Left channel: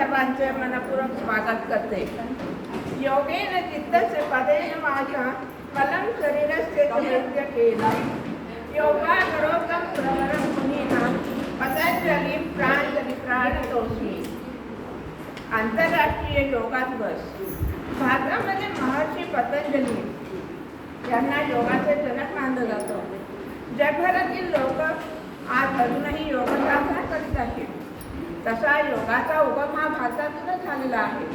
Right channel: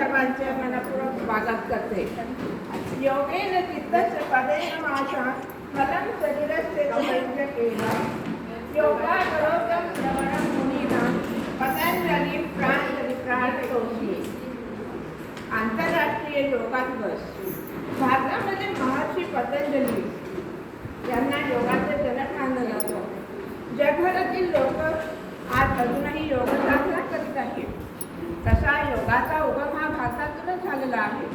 सर्वांचे मनपूर्वक स्वागत करते. योगेन चित्तस्य पदेन वाचा मलं शरीरस्य च वैद्य केला योगा करोगं श्रवणं मुनीनां पतंजली प्राण प्राणतोषी आंतरराष्ट्रीय योगा दिवस भारतामध्ये महर्षी पतंजली यांना योगाचे जनक मानलं जातं. जगभरातील लोक आज अजूनही योगाचा तसा योगाचा उगम हा भारतातूनच झालेला आहे.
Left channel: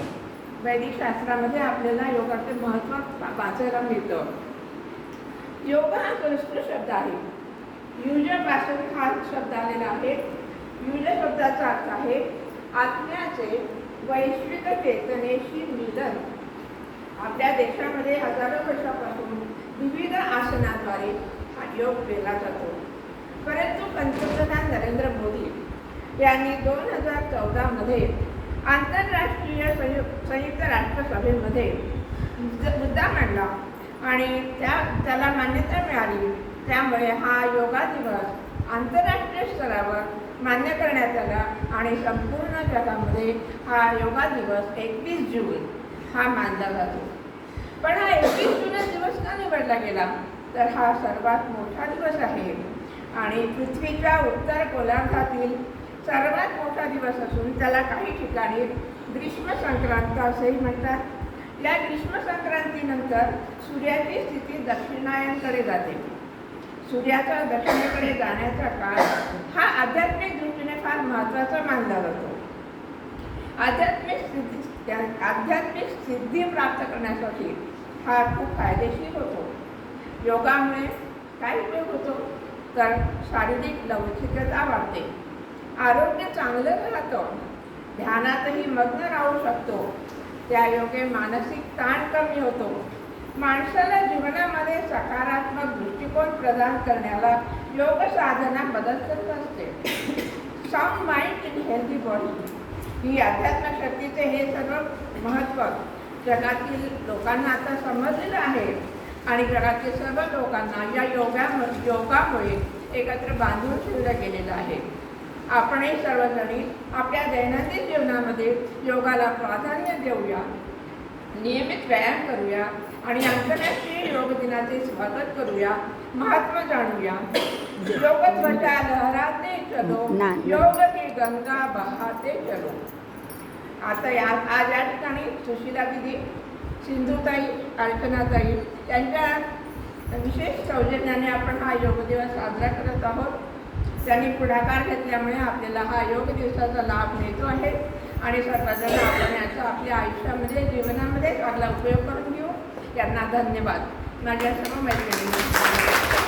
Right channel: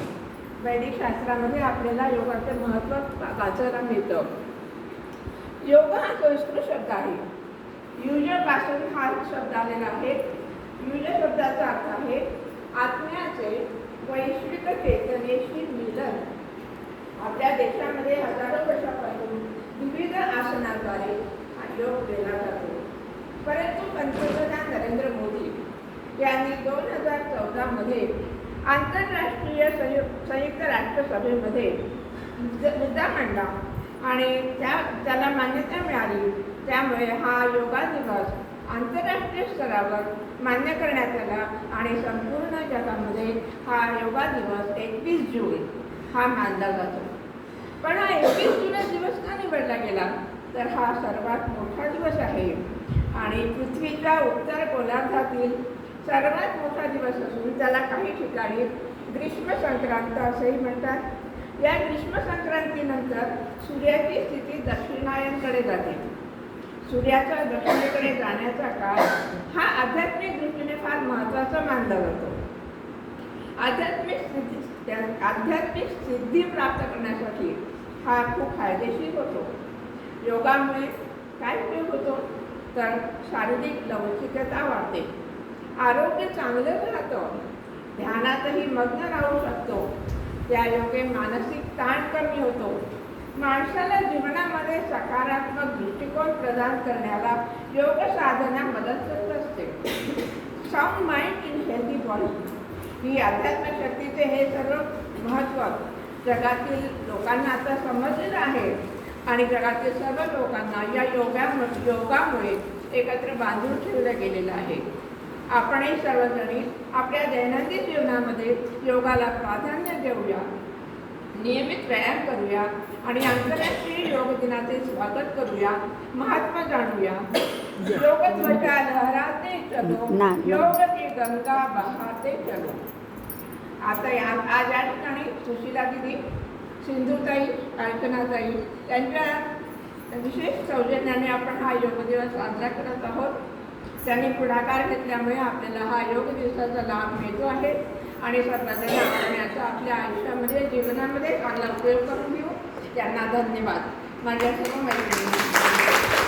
वैदिक शास्त्रामध्ये आपल्याला योगाचे महत्त्व वाचायला मिळतं. योग हा संस्कृत शब्द आहे. युजपासून हा शब्द आलेला आहे युज शब्दाचा अर्थ आहे आत्म्याचे वैश्विक चेतनेशी मिलन. आपल्या देशामध्ये हजारो वर्षापासून विविध आसनाद्वारे हा योग केला जातो. परंतु पंतप्रधान नरेंद्र मोदी यांनी दोन हजार चौदामध्ये आंतरराष्ट्रीय संयु संयुक्त राष्ट्रसभेमध्ये मुद्दा मांडला आणि त्या त्याला मान्यता मिळाली. त्यामुळे हा योगा दिवस आंतरराष्ट्रीय स्तरावर मान्य करण्यात आला आणि संपूर्ण जगामध्ये हा योगा दिवस एकवीस जून हा मानला जातो. पण हा एकवीस जून दिवस का निवडला गेला? तर हा सर्वात मोठा दिवस आहे. आणि पृथ्वीच्या उत्तर गोलार्धातील सर्वात मोठा दिवस असून त्याला काही ठिकाणी ग्रीष्म संक्रांत असेही म्हणतात. या ग्रीष्म संक्रांतीनंतर सूर्याची स्थिती दक्षिणायनकडे जाते. सूर्याचा दक्षिणेकडे जाण्याचा काळ हा आध्यात्मिक दृष्टीने फार महत्त्वाचा मानला जातो. आध्यात्मिक सिद्धी आध्यात्मिक सिद्धी प्राप्त करण्यासाठी हा खूप फायदेशीर होतो. योगामुळे काय उपयोग होतो? तर शारीरिक लवचिकता वाढते. आरोग्य चांगलं राहतं. ध्यानातही मग्न राहू शकतो. त्या योगे मानसिक ताण कमी होतो. माणसाला जीवनामध्ये सकारात्मक दृष्टिकोन प्रदान करण्याला योग साधना मदत करत असते. Soft mind in healthy body ही अध्यात्म शक्तीचे हे सर्व महत्त्व जगातील लोकांना आता समजलेलं आहे. आणि जगातील सर्व लोकांना या योगा योगामुळे एकत्र बांधून ठेवलं गेलेलं आहे. आपणही सर्वजणी आपल्या दैनंदिन जीवनामध्ये योगाला प्राधान्य देऊया. नियमित व्यायाम करूया आणि आंतरराष्ट्रीय योग दिनाचे स्वागत करूया. महात्मा जाणूया योग ध्वजा लहराते चलो. योग की गंगा बहाते चलो. आता या आज या ठिकाणी सुशीला दिदी सिंधुताई कल्पनाताई त्यांच्या विशेष सौजन्याने आपण हा योग दिवस साजरा करत आहोत. त्यांनी पुढाकार घेतल्यामुळे आपल्याला हा योग दिवसाचा लाभ मिळतो आहे. आणि सर्वजण आपण याचा आपल्या आयुष्यामध्ये जीवनामध्ये चांगला उपयोग करून घेऊ. त्यांना धन्यवाद. माझ्या सर्व मैत्रिणींना